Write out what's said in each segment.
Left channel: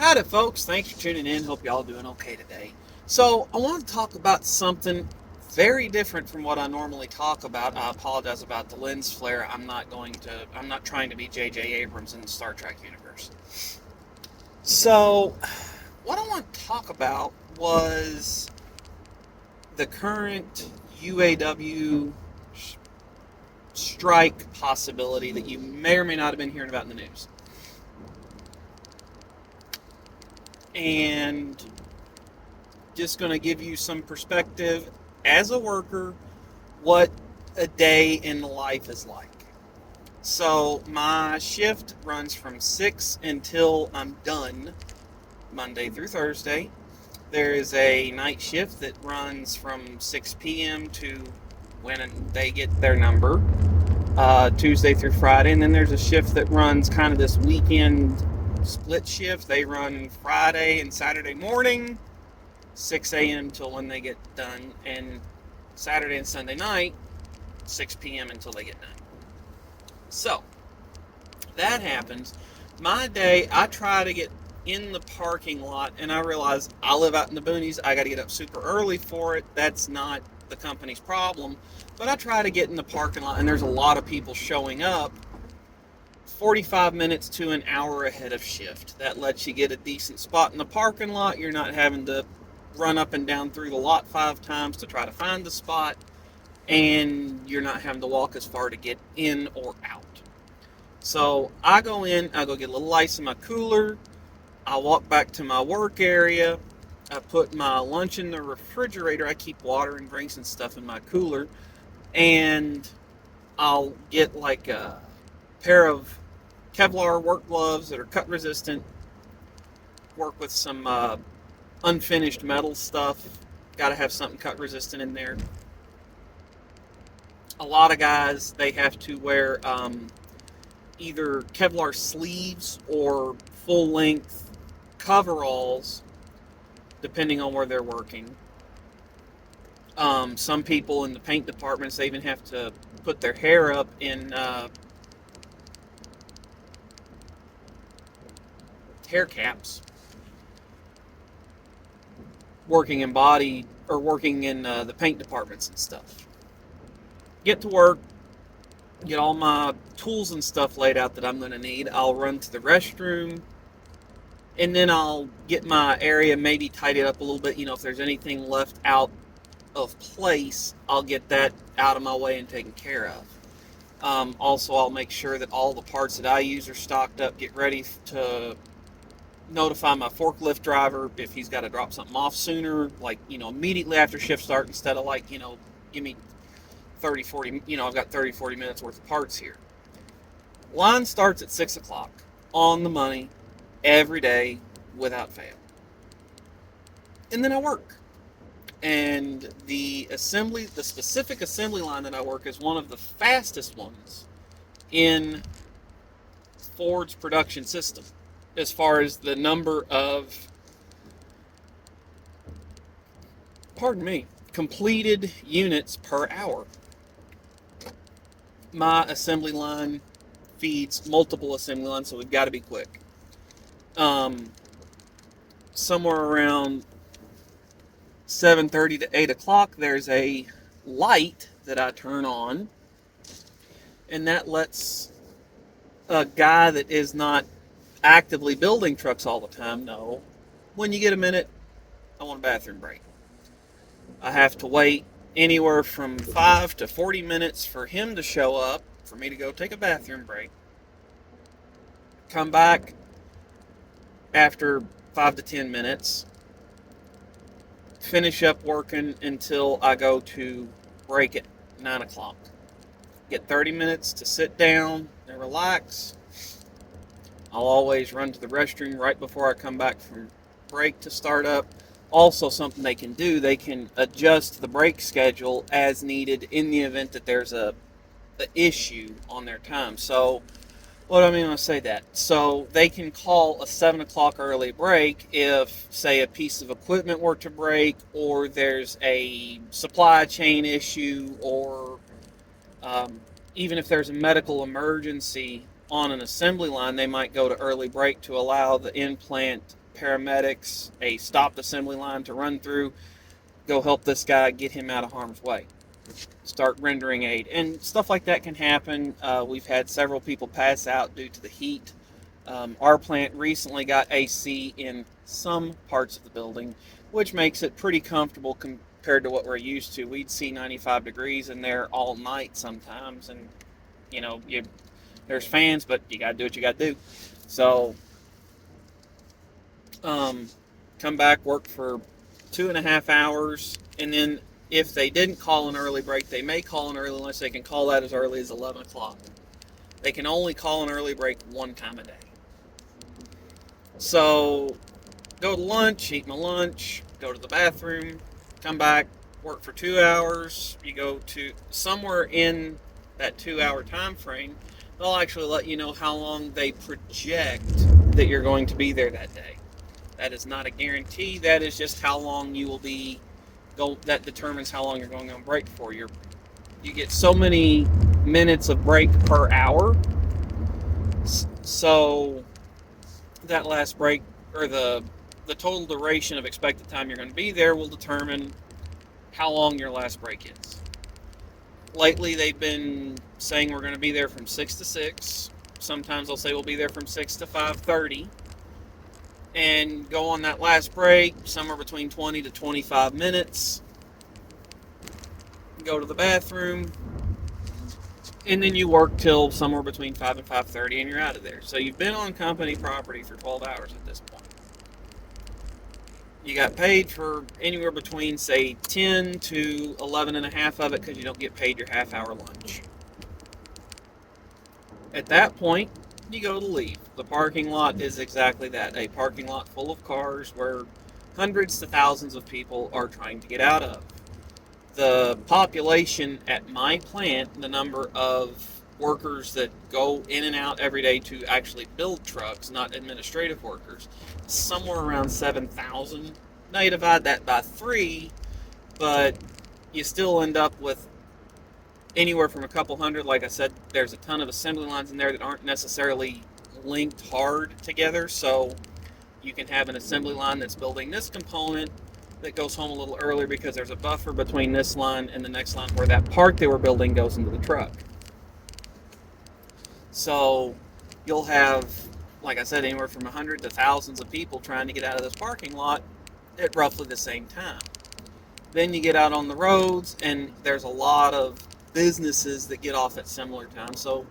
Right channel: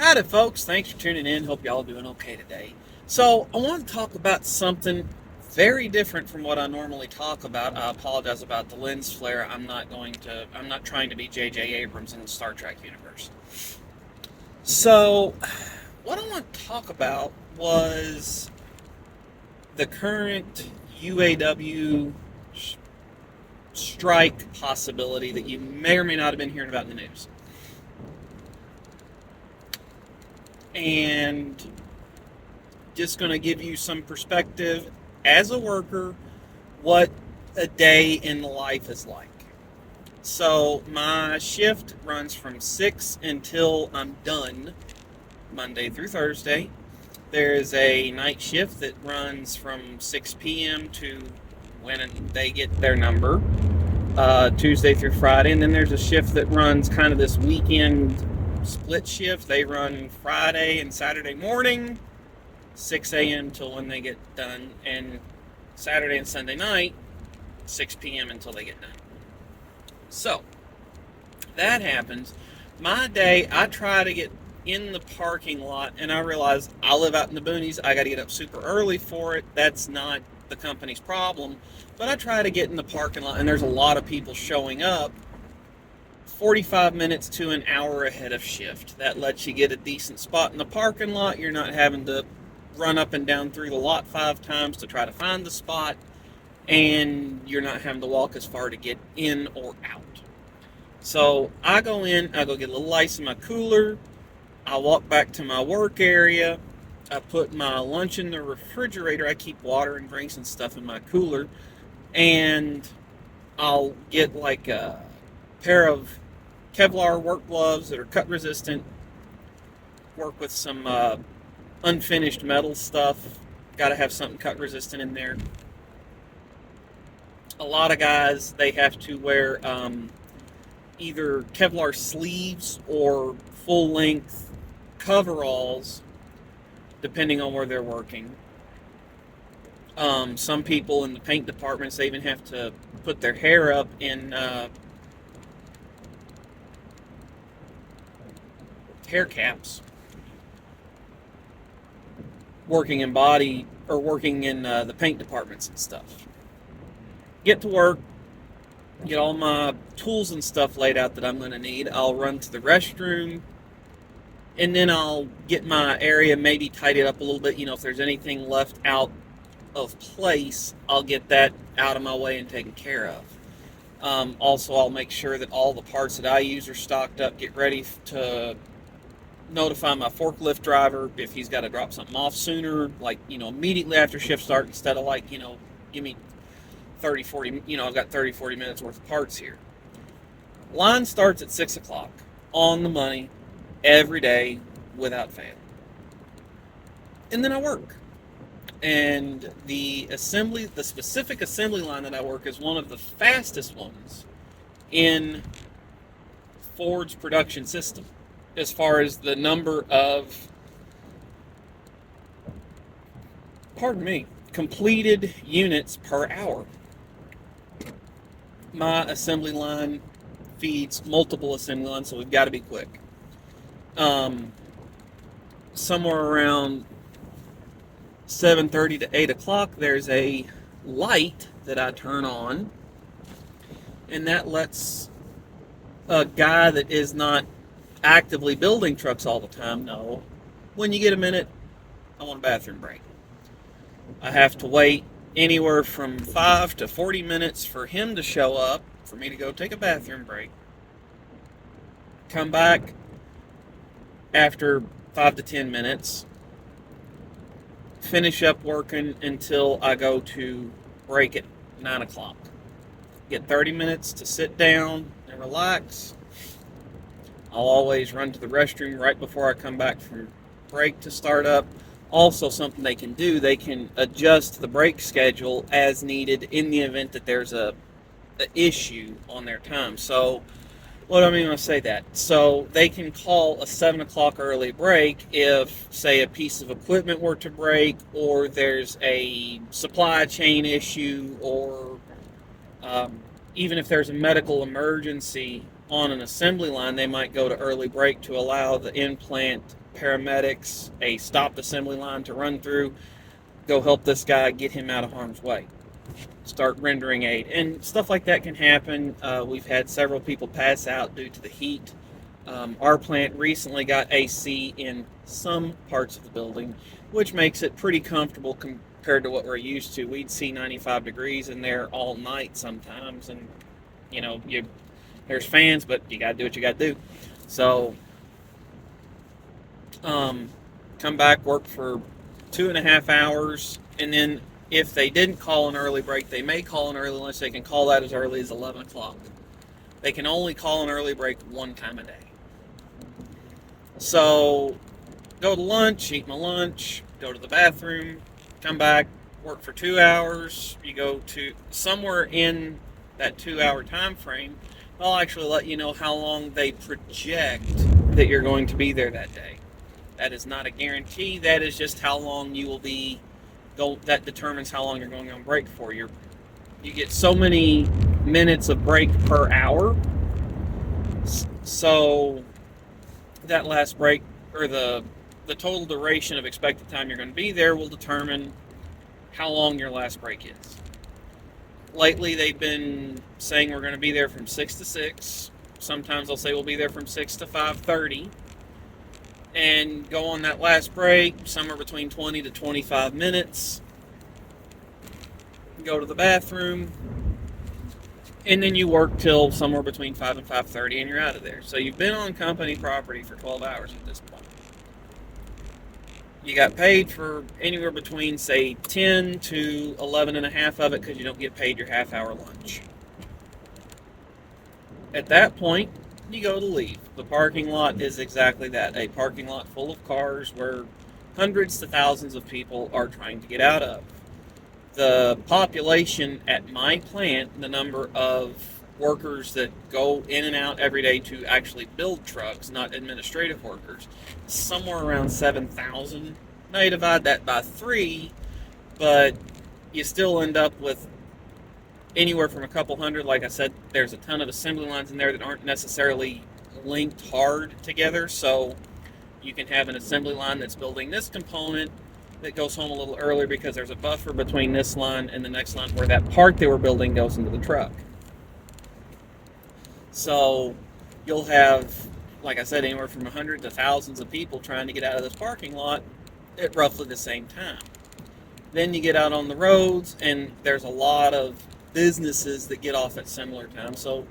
Howdy, folks. Thanks for tuning in. Hope y'all doing okay today. So, I want to talk about something very different from what I normally talk about. I apologize about the lens flare. I'm not trying to be J.J. Abrams in the Star Trek universe. So, what I want to talk about was the current UAW strike possibility that you may or may not have been hearing about in the news. And just going to give you some perspective as a worker, what a day in the life is like. So my shift runs from 6 until I'm done, Monday through Thursday. There is a night shift that runs from 6 p.m. to when they get their number, Tuesday through Friday. And then there's a shift that runs kind of this weekend split shift. They run Friday and Saturday morning, 6 a.m. till when they get done, and Saturday and Sunday night, 6 p.m. until they get done. So, that happens. My day, I try to get in the parking lot, and I realize I live out in the boonies. I got to get up super early for it. That's not the company's problem. But I try to get in the parking lot, and there's a lot of people showing up 45 minutes to an hour ahead of shift. That lets you get a decent spot in the parking lot. You're not having to run up and down through the lot 5 times to try to find the spot, and you're not having to walk as far to get in or out. So I go in, I go get a little ice in my cooler, I walk back to my work area, I put my lunch in the refrigerator, I keep water and drinks and stuff in my cooler, and I'll get like a pair of Kevlar work gloves that are cut resistant, work with some unfinished metal stuff. Got to have something cut resistant in there. A lot of guys, they have to wear either Kevlar sleeves or full length coveralls, depending on where they're working. Some people in the paint departments, they even have to put their hair up in hair caps, working in body or working in the paint departments and stuff. Get to work, get all my tools and stuff laid out that I'm going to need. I'll run to the restroom, and then I'll get my area maybe tidied up a little bit. If there's anything left out of place, I'll get that out of my way and taken care of. Also, I'll make sure that all the parts that I use are stocked up, get ready to notify my forklift driver if he's got to drop something off sooner, like, immediately after shift start, instead of like, give me 30, 40, I've got 30, 40 minutes worth of parts here. Line starts at 6 o'clock, on the money, every day, without fail. And then I work. And the specific assembly line that I work is one of the fastest ones in Ford's production system, as far as the number of, completed units per hour. My assembly line feeds multiple assembly lines, so we've got to be quick. Somewhere around 7:30 to 8 o'clock, there's a light that I turn on, and that lets a guy that is not actively building trucks all the time know, when you get a minute, I want a bathroom break. I have to wait anywhere from 5 to 40 minutes for him to show up, for me to go take a bathroom break. Come back after 5 to 10 minutes. Finish up working until I go to break at 9 o'clock. Get 30 minutes to sit down and relax. I'll always run to the restroom right before I come back from break to start up. Also, something they can do, they can adjust the break schedule as needed in the event that there's a issue on their time. So, what do I mean when I say that? So, they can call a 7 o'clock early break if, say, a piece of equipment were to break, or there's a supply chain issue, or even if there's a medical emergency on an assembly line, they might go to early break to allow the in-plant paramedics, a stopped assembly line to run through, go help this guy, get him out of harm's way, start rendering aid. And stuff like that can happen. We've had several people pass out due to the heat. Our plant recently got AC in some parts of the building, which makes it pretty comfortable compared to what we're used to. We'd see 95 degrees in there all night sometimes, and there's fans, but you gotta do what you gotta do. So, come back, work for 2.5 hours, and then if they didn't call an early break, they may call an early lunch. They can call that as early as 11 o'clock. They can only call an early break one time a day. So, go to lunch, eat my lunch, go to the bathroom, come back, work for 2 hours. You go to somewhere in that 2 hour time frame, they'll actually let you know how long they project that you're going to be there that day. That is not a guarantee. That is just how long you will be. That determines how long you're going on break for. You get so many minutes of break per hour. So that last break, or the total duration of expected time you're going to be there, will determine how long your last break is. Lately, they've been saying we're going to be there from 6 to 6. Sometimes they'll say we'll be there from 6 to 5:30. And go on that last break, somewhere between 20 to 25 minutes. Go to the bathroom. And then you work till somewhere between 5 and 5:30, and you're out of there. So you've been on company property for 12 hours at this point. You got paid for anywhere between, say, 10 to 11 and a half of it, because you don't get paid your half-hour lunch. At that point, you go to leave. The parking lot is exactly that, a parking lot full of cars where hundreds to thousands of people are trying to get out of. The population at my plant, the number of workers that go in and out every day to actually build trucks, not administrative workers, is somewhere around 7,000. Now you divide that by 3, but you still end up with anywhere from a couple hundred. Like I said, there's a ton of assembly lines in there that aren't necessarily linked hard together, so you can have an assembly line that's building this component that goes home a little earlier because there's a buffer between this line and the next line where that part they were building goes into the truck. So you'll have, like I said, anywhere from 100 to thousands of people trying to get out of this parking lot at roughly the same time. Then you get out on the roads, and there's a lot of businesses that get off at similar times, so it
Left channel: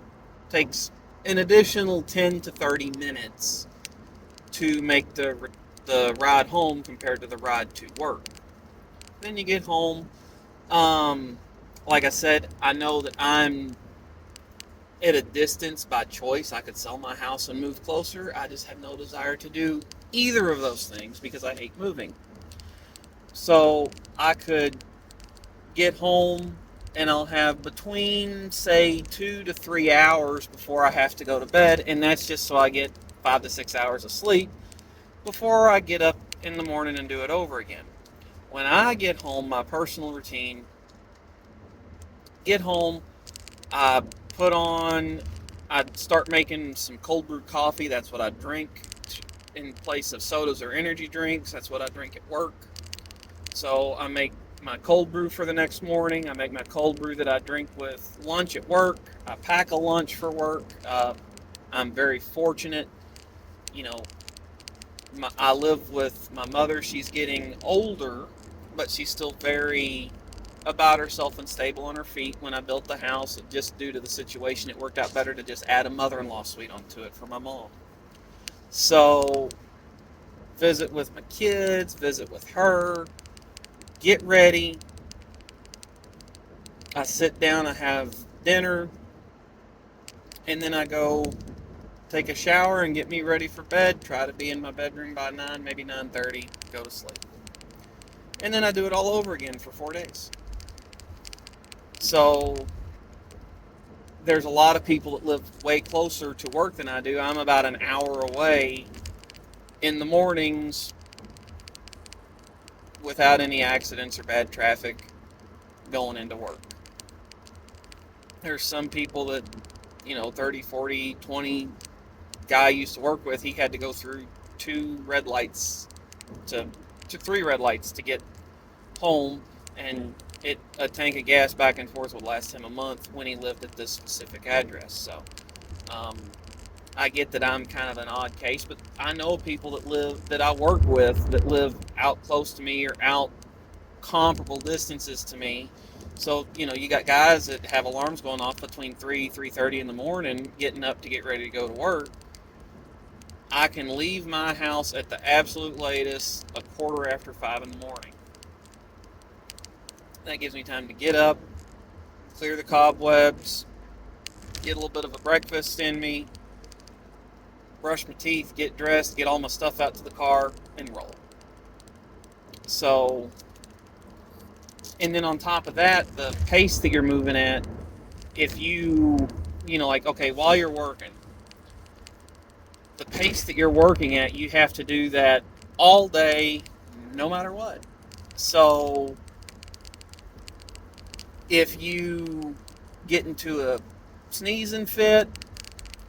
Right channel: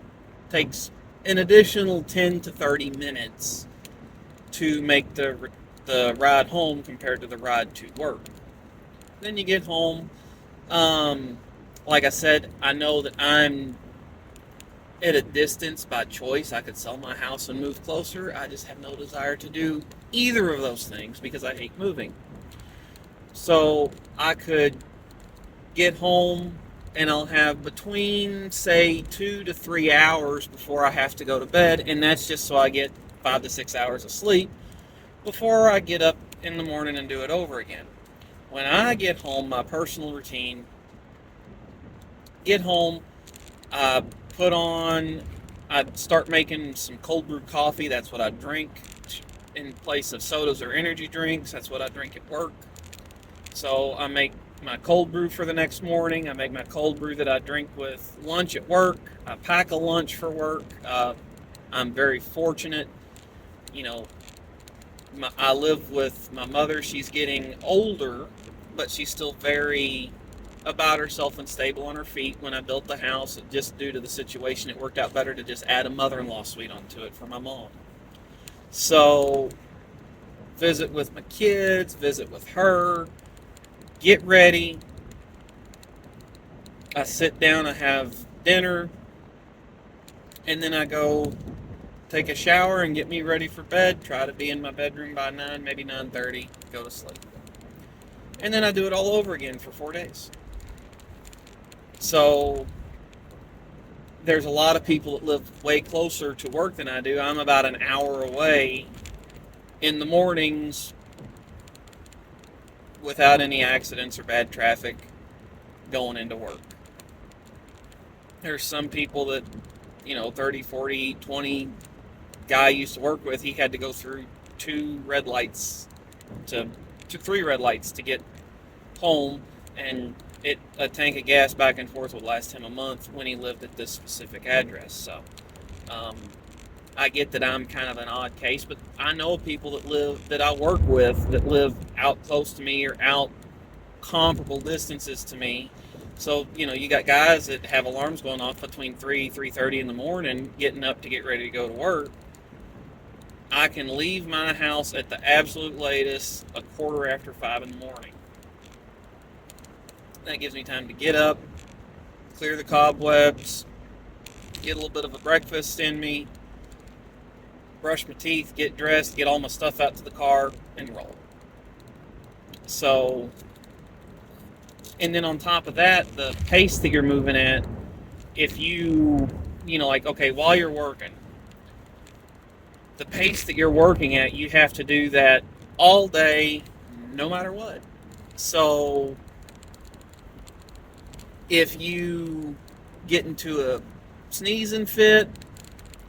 takes an additional 10 to 30 minutes to make the ride home compared to the ride to work. Then you get home. Like I said, I know that I'm at a distance by choice. I could sell my house and move closer. I just have no desire to do either of those things because I hate moving. So I could get home, and I'll have between, say, 2 to 3 hours before I have to go to bed, and that's just so I get 5 to 6 hours of sleep before I get up in the morning and do it over again. When I get home, my personal routine, get home, I I'd start making some cold brewed coffee. That's what I drink in place of sodas or energy drinks. That's what I drink at work. So I make my cold brew for the next morning. I make my cold brew that I drink with lunch at work. I pack a lunch for work. I'm very fortunate. I live with my mother. She's getting older, but she's still very about herself and stable on her feet. When I built the house, just due to the situation, it worked out better to just add a mother-in-law suite onto it for my mom. So, visit with my kids, visit with her, get ready. I sit down, I have dinner, and then I go take a shower and get me ready for bed. Try to be in my bedroom by 9, maybe 9:30, go to sleep. And then I do it all over again for 4 days. So there's a lot of people that live way closer to work than I do. I'm about an hour away in the mornings without any accidents or bad traffic going into work. There's some people that, 30, 40, 20 guy I used to work with, he had to go through 2 red lights to 3 red lights to get home, and a tank of gas back and forth would last him a month when he lived at this specific address. So um, I get that I'm kind of an odd case, but I know people that I work with that live out close to me or out comparable distances to me. So you got guys that have alarms going off between 3:30 in the morning, getting up to get ready to go to work. I can leave my house at the absolute latest a quarter after 5 in the morning. That gives me time to get up, clear the cobwebs, get a little bit of a breakfast in me, brush my teeth, get dressed, get all my stuff out to the car, and roll. So, and then on top of that, the pace that you're moving at, if okay, while you're working, the pace that you're working at, you have to do that all day, no matter what. So, if you get into a sneezing fit,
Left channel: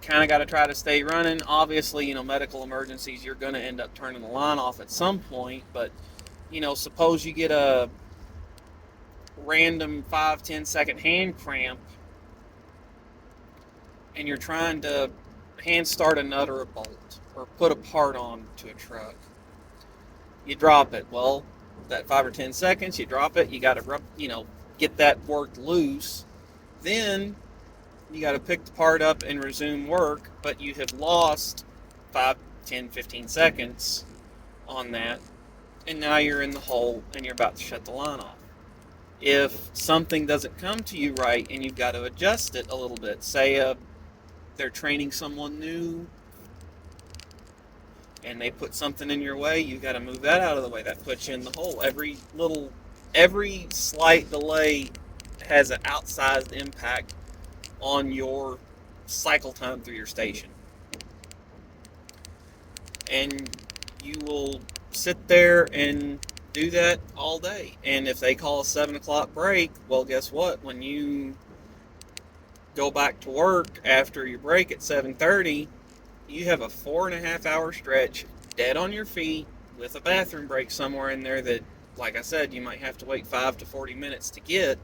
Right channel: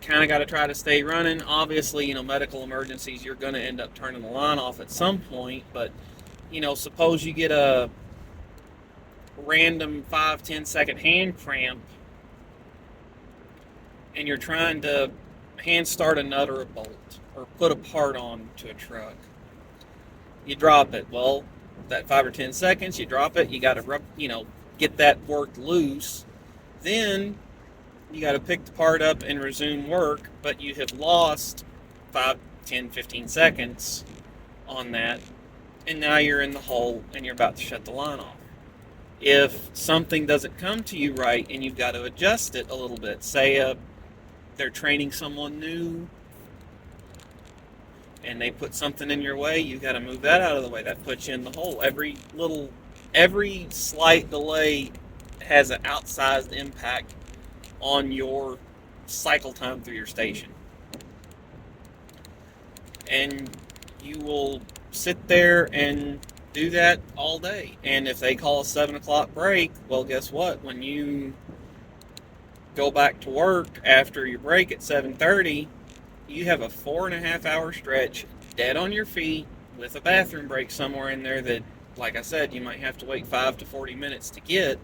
kind of got to try to stay running. Obviously, medical emergencies, you're going to end up turning the line off at some point. But, suppose you get a random 5-10 second hand cramp and you're trying to hand start a nut or a bolt or put a part on to a truck. You drop it. Well, that 5 or 10 seconds, you drop it. You got to get that worked loose. Then you got to pick the part up and resume work, but you have lost 5, 10, 15 seconds on that, and now you're in the hole and you're about to shut the line off. If something doesn't come to you right and you've got to adjust it a little bit, say they're training someone new and they put something in your way, you got to move that out of the way. That puts you in the hole. Every slight delay has an outsized impact on your cycle time through your station. And you will sit there and do that all day. And if they call a 7 o'clock break, well, guess what? When you go back to work after your break at 7:30, you have a 4.5 hour stretch dead on your feet with a bathroom break somewhere in there that, like I said, you might have to wait 5 to 40 minutes to get.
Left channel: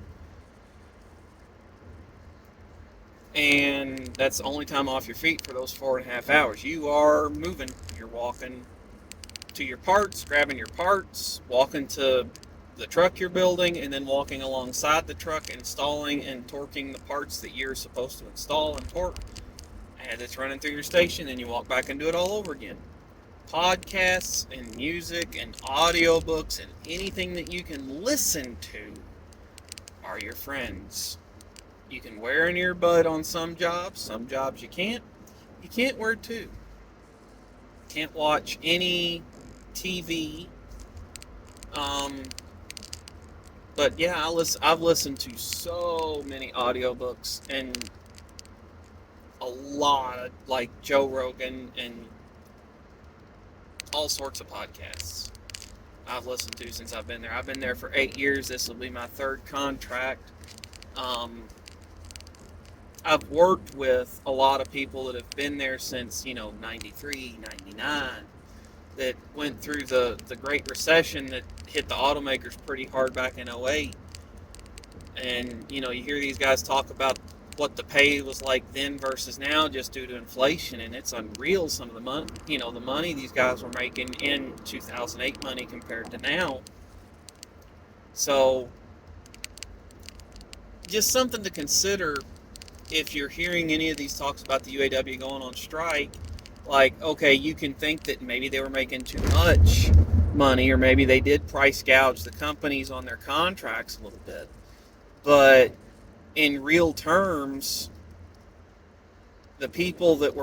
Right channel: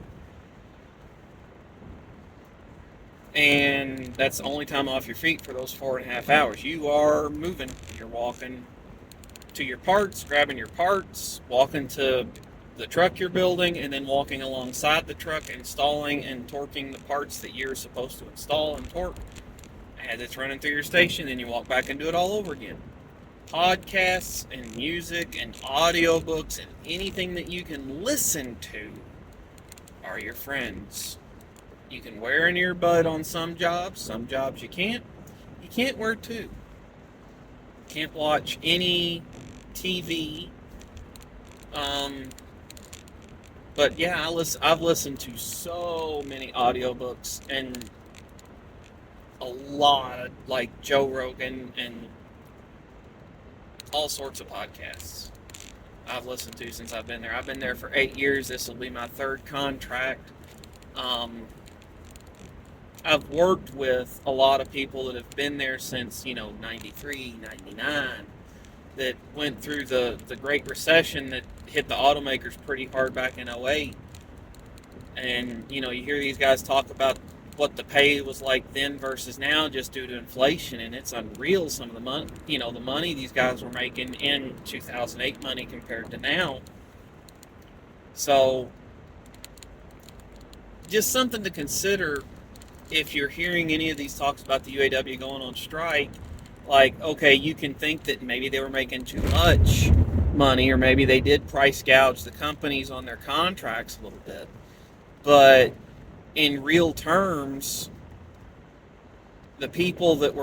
And that's the only time off your feet for those 4.5 hours. You are moving. You're walking to your parts, grabbing your parts, walking to the truck you're building, and then walking alongside the truck, installing and torquing the parts that you're supposed to install and torque. As it's running through your station, then you walk back and do it all over again. Podcasts and music and audiobooks and anything that you can listen to are your friends. You can wear an earbud on some jobs you can't. You can't wear two. Can't watch any TV. But yeah, I've listened to so many audiobooks and a lot of like Joe Rogan and all sorts of podcasts I've listened to since I've been there. I've been there for 8 years. This will be my 3rd contract. I've worked with a lot of people that have been there since, 93, 99, that went through the Great Recession that hit the automakers pretty hard back in '08. And, you hear these guys talk about what the pay was like then versus now just due to inflation, and it's unreal some of the money, the money these guys were making in 2008 money compared to now. So, just something to consider if you're hearing any of these talks about the UAW going on strike. Like, okay, you can think that maybe they were making too much money, or maybe they did price gouge the companies on their contracts a little bit. But in real terms, the people that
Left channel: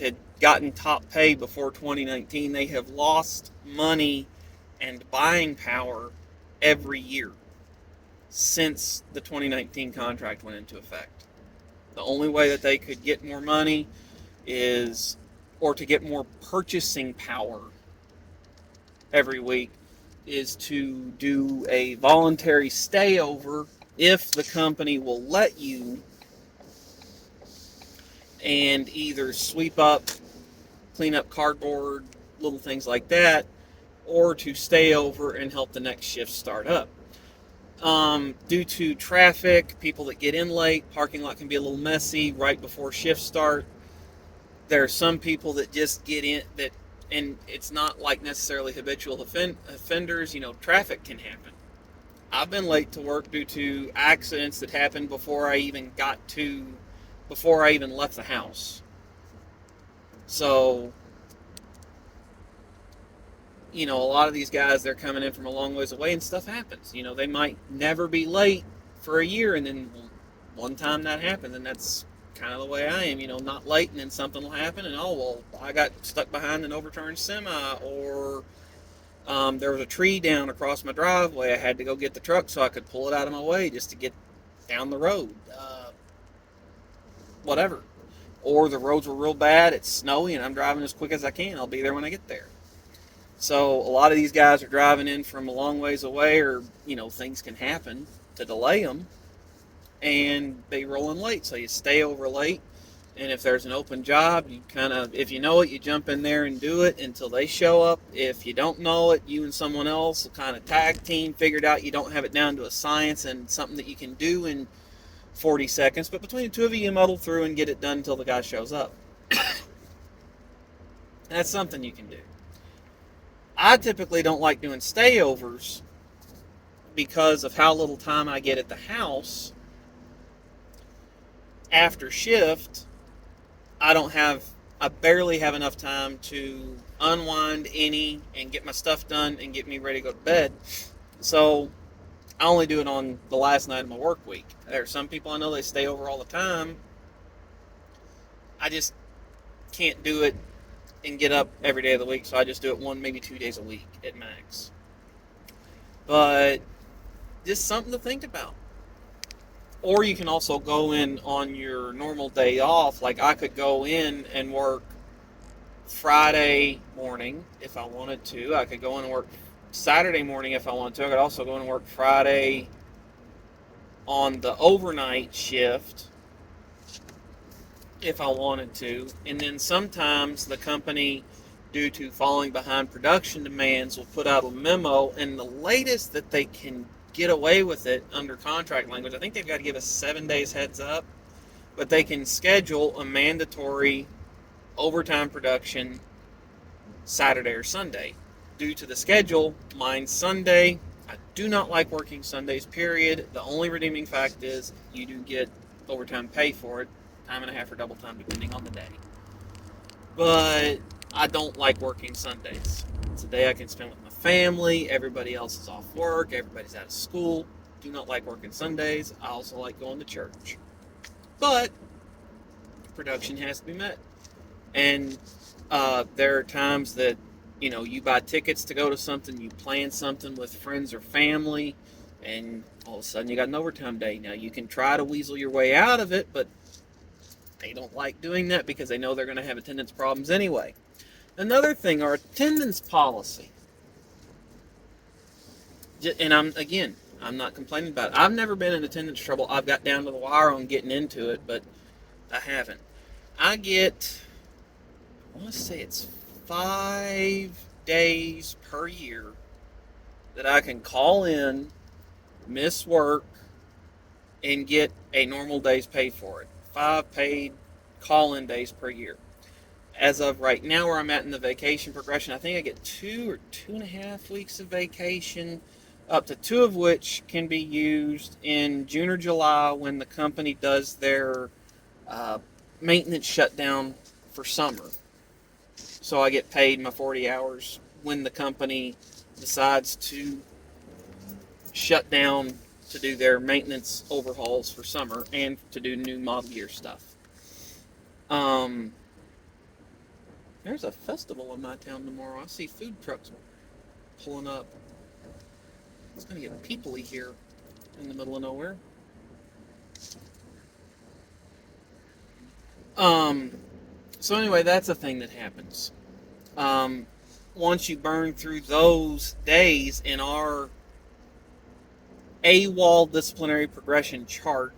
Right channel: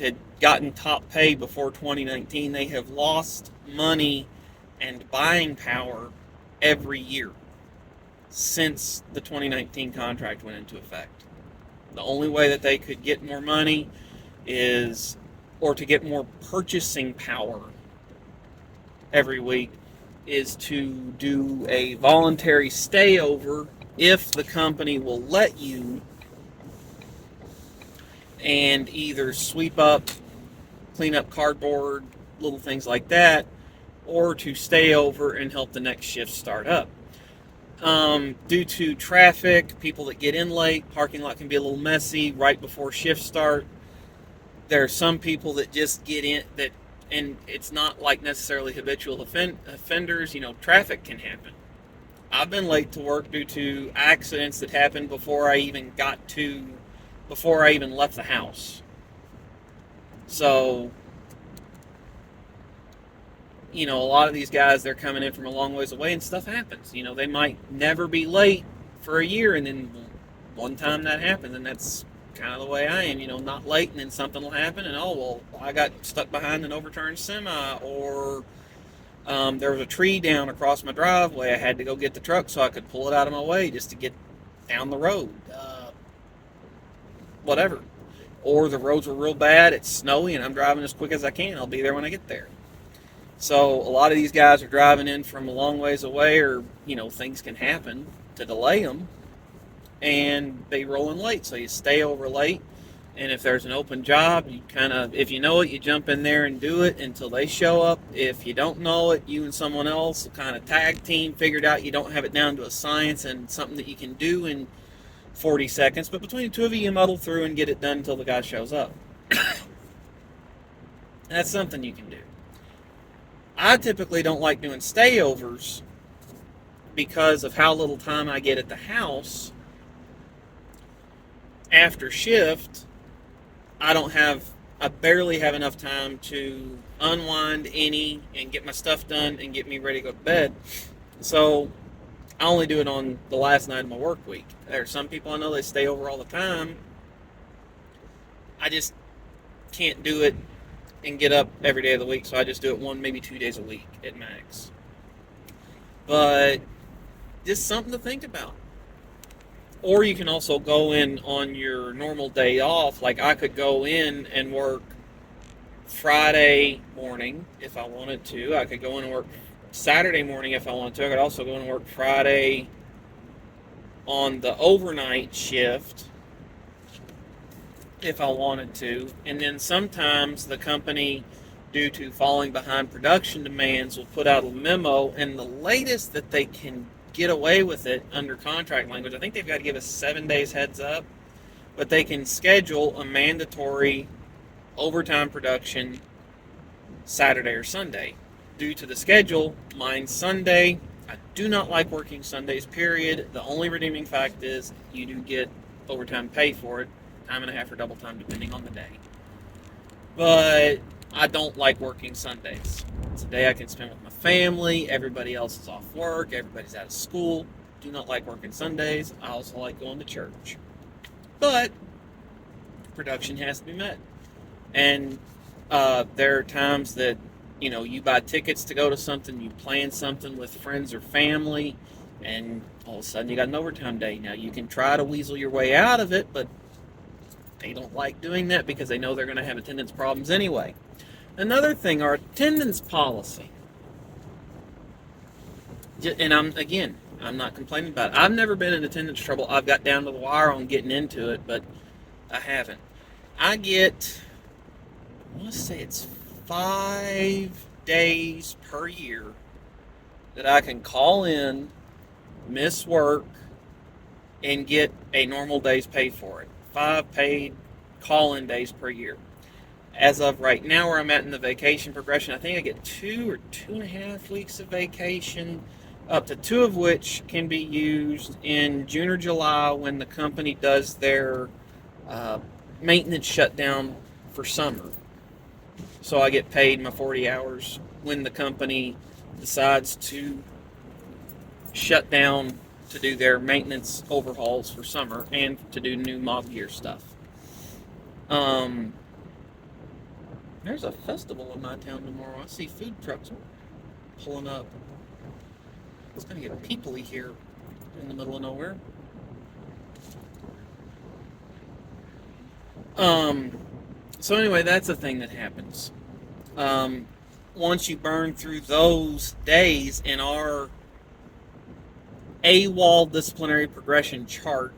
had gotten top pay before 2019, they have lost money and buying power every year since the 2019 contract went into effect. The only way that they could get more money or to get more purchasing power every week, is to do a voluntary stayover if the company will let you, and either sweep up clean up cardboard, little things like that, or to stay over and help the next shift start up. Due to traffic, people that get in late, parking lot can be a little messy right before shift start. There are some people that just get in that, and it's not like necessarily habitual offenders. Traffic can happen. I've been late to work due to accidents that happened before I even left the house. So, a lot of these guys, they're coming in from a long ways away and stuff happens. They might never be late for a year, and then one time that happens, and that's kind of the way I am. Not late, and then something will happen, and I got stuck behind an overturned semi, or there was a tree down across my driveway. I had to go get the truck so I could pull it out of my way just to get down the road. Whatever. Or the roads were real bad, it's snowy, and I'm driving as quick as I can. I'll be there when I get there. So a lot of these guys are driving in from a long ways away, or, things can happen to delay them, and they roll in late. So you stay over late, and if there's an open job, if you know it, you jump in there and do it until they show up. If you don't know it, you and someone else will kind of tag team, figured out you don't have it down to a science and something that you can do in 40 seconds, but between the two of you muddle through and get it done until the guy shows up. That's something you can do. I typically don't like doing stayovers because of how little time I get at the house after shift. I barely have enough time to unwind and get my stuff done and get me ready to go to bed. So I only do it on the last night of my work week. There are some people I know they stay over all the time. I just can't do it and get up every day of the week, so I just do it 1, maybe 2 days a week at max. But just something to think about. Or you can also go in on your normal day off. Like I could go in and work Friday morning if I wanted to. I could go in and work Saturday morning if I wanted to. I could also go in and work Friday on the overnight shift if I wanted to. And then sometimes the company, due to falling behind production demands, will put out a memo, and the latest that they can get away with it under contract language, I think they've got to give us 7 days heads up, but they can schedule a mandatory overtime production Saturday or Sunday. Due to the schedule, mine's Sunday. I do not like working Sundays, period. The only redeeming fact is you do get overtime pay for it, time and a half or double time depending on the day. But I don't like working Sundays. It's a day I can spend with my family. Everybody else is off work. Everybody's out of school. Do not like working Sundays. I also like going to church. But production has to be met. And there are times that, you buy tickets to go to something, you plan something with friends or family, and all of a sudden you got an overtime day. Now, you can try to weasel your way out of it, but they don't like doing that because they know they're going to have attendance problems anyway. Another thing, our attendance policy. And I'm not complaining about it. I've never been in attendance trouble. I've got down to the wire on getting into it, but I haven't. I want to say it's 5 days per year that I can call in, miss work, and get a normal day's pay for it. 5 paid call-in days per year. As of right now, where I'm at in the vacation progression, I think I get 2 or 2.5 weeks of vacation, up to 2 of which can be used in June or July when the company does their maintenance shutdown for summer. So I get paid my 40 hours when the company decides to shut down to do their maintenance overhauls for summer and to do new model year stuff. There's a festival in my town tomorrow. I see food trucks pulling up. It's going to get peoply here in the middle of nowhere. So anyway, that's a thing that happens. Once you burn through those days in our AWOL disciplinary progression chart,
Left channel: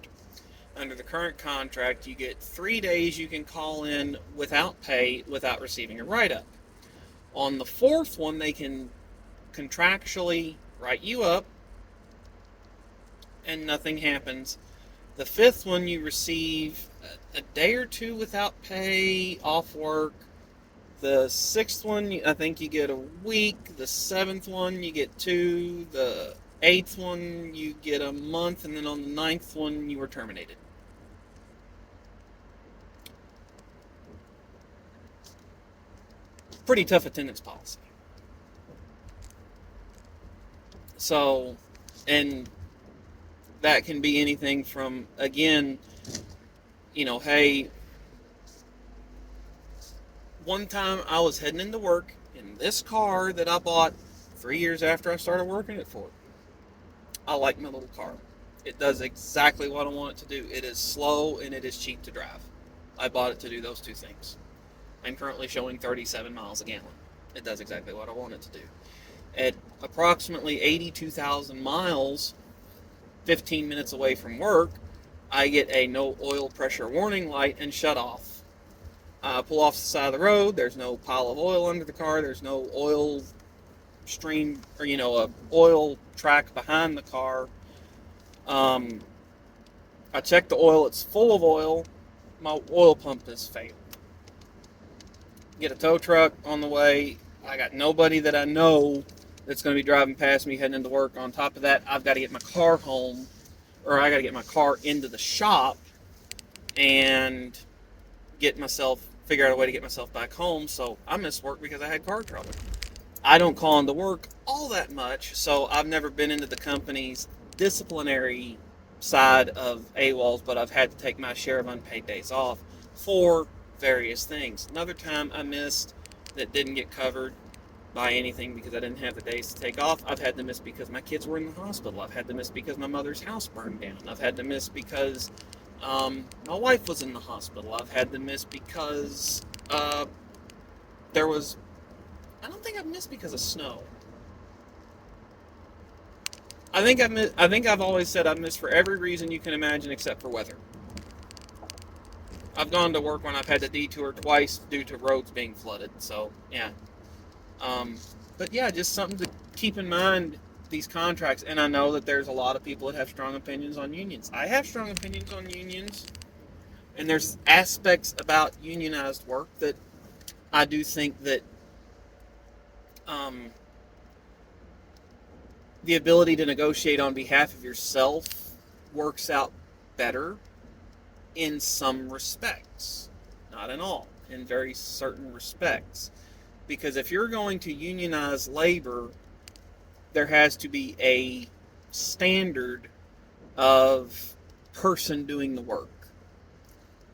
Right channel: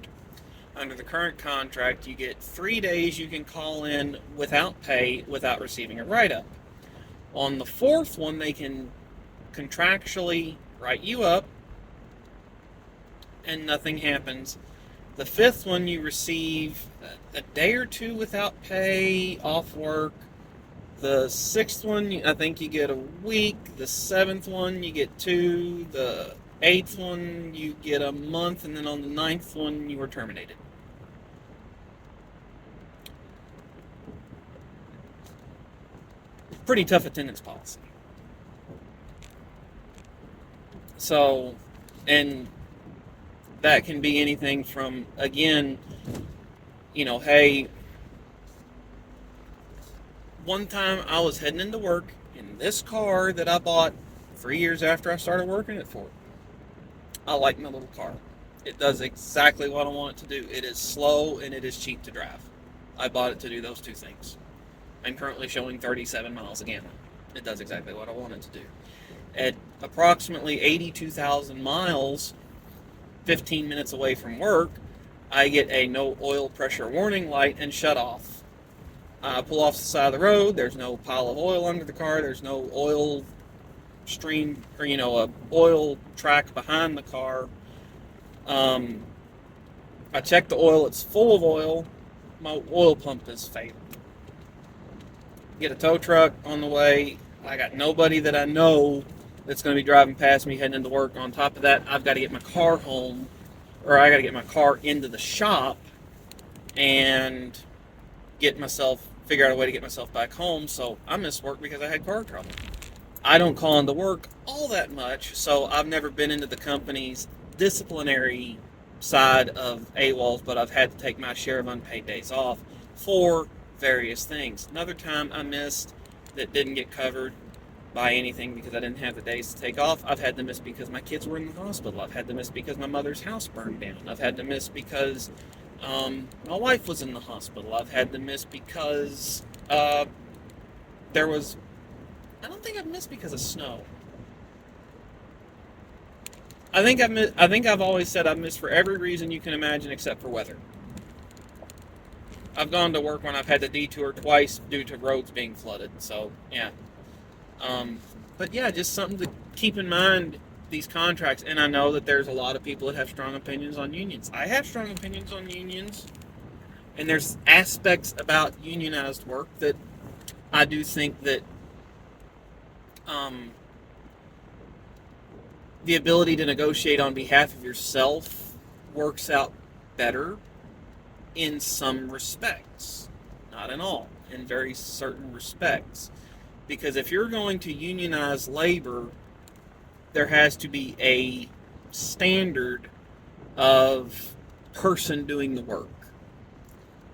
under the current contract, you get 3 days you can call in without pay, without receiving a write-up. On the fourth one, they can contractually write you up and nothing happens. The fifth one, you receive a day or two without pay, off work. The sixth one, I think you get a week. The seventh one, you get 2. The eighth one, you get a month. And then on the ninth one, you were terminated. Pretty tough attendance policy. So, and that can be anything from, again, hey, one time I was heading into work in this car that I bought 3 years after I started working at Ford. I like my little car. It does exactly what I want it to do. It is slow and it is cheap to drive. I bought it to do those two things. I'm currently showing 37 miles a gallon. It does exactly what I want it to do. At approximately 82,000 miles, 15 minutes away from work, I get a no oil pressure warning light and shut off. I pull off the side of the road. There's no pile of oil under the car. There's no oil stream or a oil track behind the car. I check the oil. It's full of oil. My oil pump is failed. Get a tow truck on the way. I got nobody that I know that's going to be driving past me heading into work. On top of that, I've got to get my car home, or I got to get my car into the shop and figure out a way to get myself back home. So I missed work because I had car trouble. I don't call into work all that much, so I've never been into the company's disciplinary side of AWOLs, but I've had to take my share of unpaid days off for various things. Another time I missed that didn't get covered by anything because I didn't have the days to take off. I've had to miss because my kids were in the hospital. I've had to miss because my mother's house burned down. I've had to miss because my wife was in the hospital. I've had to miss because there was... I don't think I've missed because of snow. I think I've always said I've missed for every reason you can imagine except for weather. I've gone to work when I've had to detour twice due to roads being flooded. So, yeah. But yeah, just something to keep in mind, these contracts. And I know that there's a lot of people that have strong opinions on unions. I have strong opinions on unions. And there's aspects about unionized work that I do think that the ability to negotiate on behalf of yourself works out better in some respects. Not in all. In very certain respects. Because if you're going to unionize labor, there has to be a standard of person doing the work.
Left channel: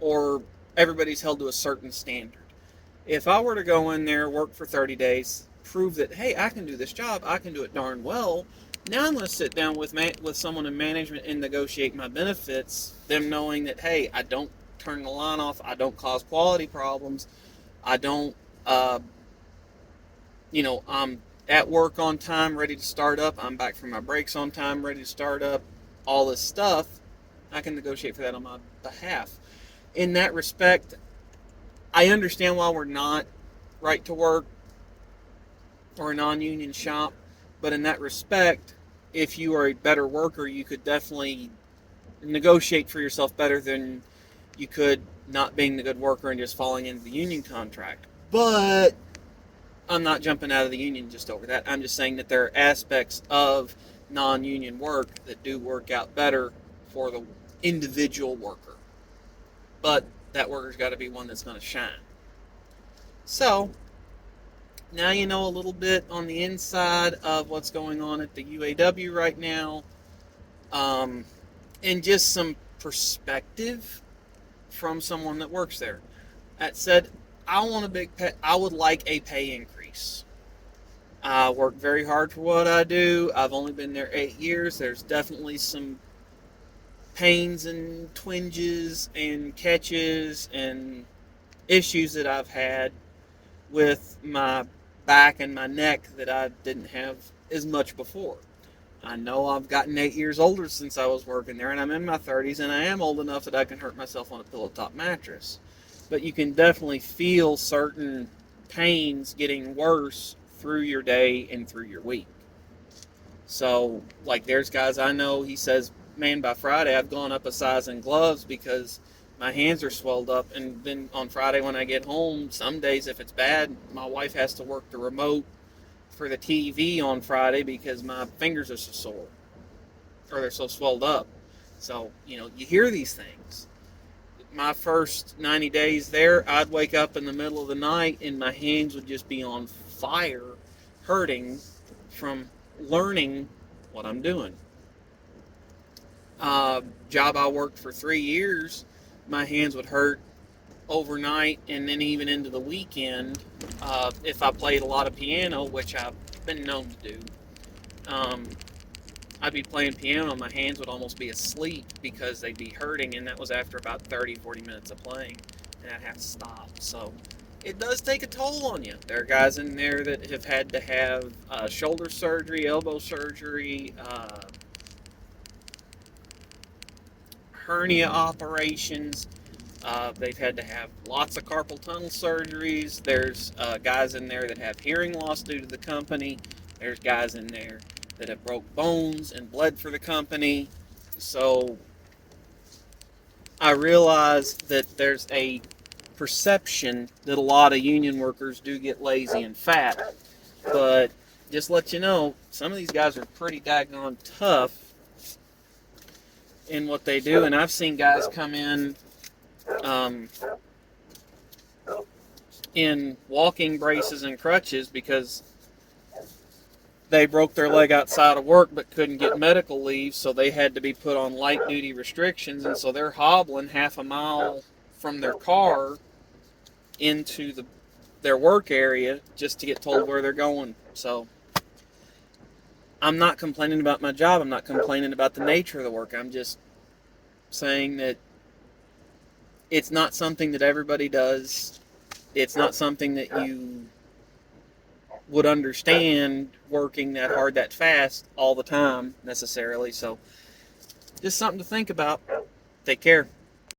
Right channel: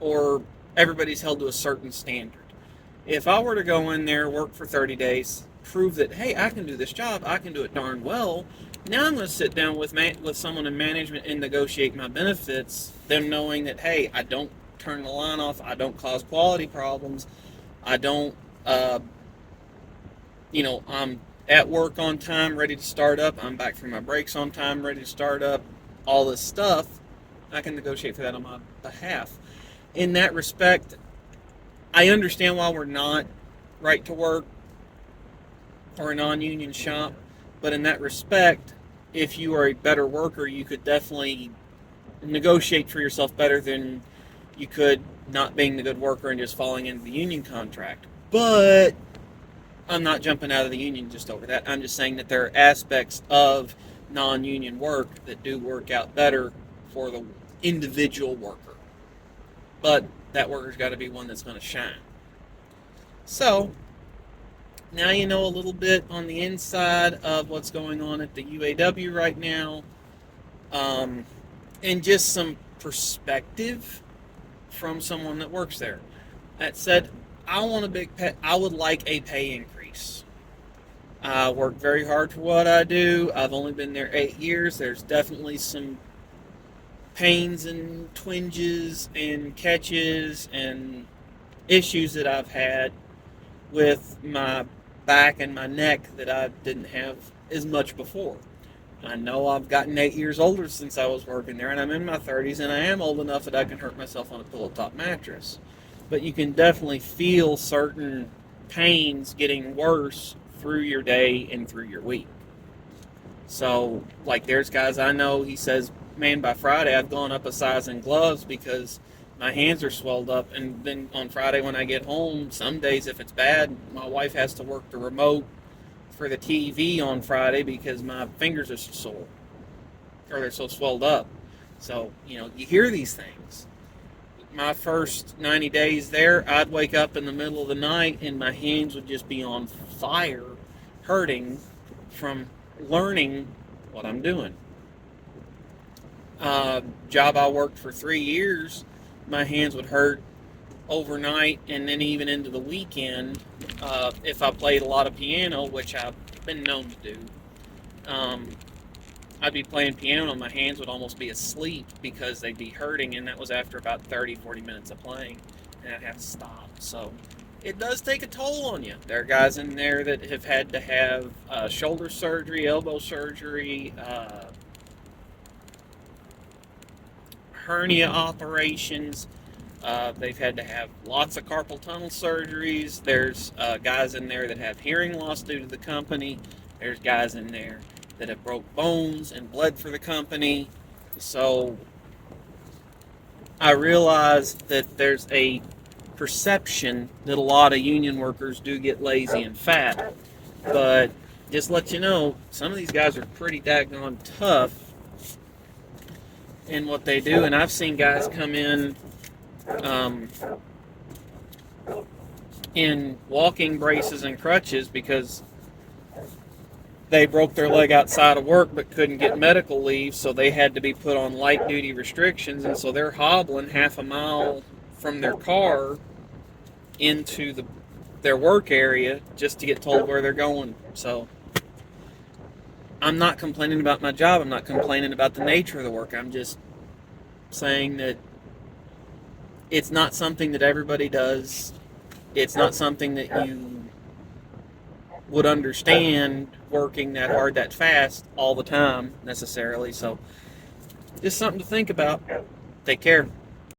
Or everybody's held to a certain standard. If I were to go in there, work for 30 days, prove that, hey, I can do this job, I can do it darn well, now I'm going to sit down with someone in management and negotiate my benefits, them knowing that, hey, I don't turn the line off, I don't cause quality problems, I don't, I'm at work on time, ready to start up, I'm back from my breaks on time, ready to start up, all this stuff, I can negotiate for that on my behalf. In that respect, I understand why we're not right to work or a non-union shop, but in that respect, if you are a better worker, you could definitely negotiate for yourself better than you could not being the good worker and just falling into the union contract. But I'm not jumping out of the union just over that. I'm just saying that there are aspects of non-union work that do work out better for the individual worker. But that worker's got to be one that's going to shine. So, now you know a little bit on the inside of what's going on at the UAW right now. And just some perspective from someone that works there. That said, I would like a pay increase. I work very hard for what I do. I've only been there 8 years. There's definitely some pains and twinges and catches and issues that I've had with my back and my neck that I didn't have as much before. I know I've gotten 8 years older since I was working there, and I'm in my 30s, and I am old enough that I can hurt myself on a pillow top mattress. But you can definitely feel certain pains getting worse through your day and through your week. So, like, there's guys I know, he says, man, by Friday I've gone up a size in gloves because my hands are swelled up. And then on Friday when I get home, some days if it's bad, my wife has to work the remote for the TV on Friday because my fingers are so sore or they're so swelled up. So, you hear these things. My first 90 days there, I'd wake up in the middle of the night and my hands would just be on fire, hurting from learning what I'm doing. Job I worked for 3 years, my hands would hurt overnight and then even into the weekend if I played a lot of piano, which I've been known to do. Um, I'd be playing piano and my hands would almost be asleep because they'd be hurting, and that was after about 30, 40 minutes of playing, and I'd have to stop. So it does take a toll on you. There are guys in there that have had to have shoulder surgery, elbow surgery, hernia operations. They've had to have lots of carpal tunnel surgeries. There's guys in there that have hearing loss due to the company. There's guys in there that have broke bones and bled for the company. So I realize that there's a perception that a lot of union workers do get lazy and fat. But just let you know, some of these guys are pretty daggone tough in what they do. And I've seen guys come um, in walking braces and crutches because they broke their leg outside of work but couldn't get medical leave, so they had to be put on light duty restrictions, and so they're hobbling half a mile from their car into their work area just to get told where they're going. So I'm not complaining about my job. I'm not complaining about the nature of the work. I'm just saying that it's not something that everybody does. It's not something that you would understand working that hard, that fast all the time necessarily. So just something to think about. Take care.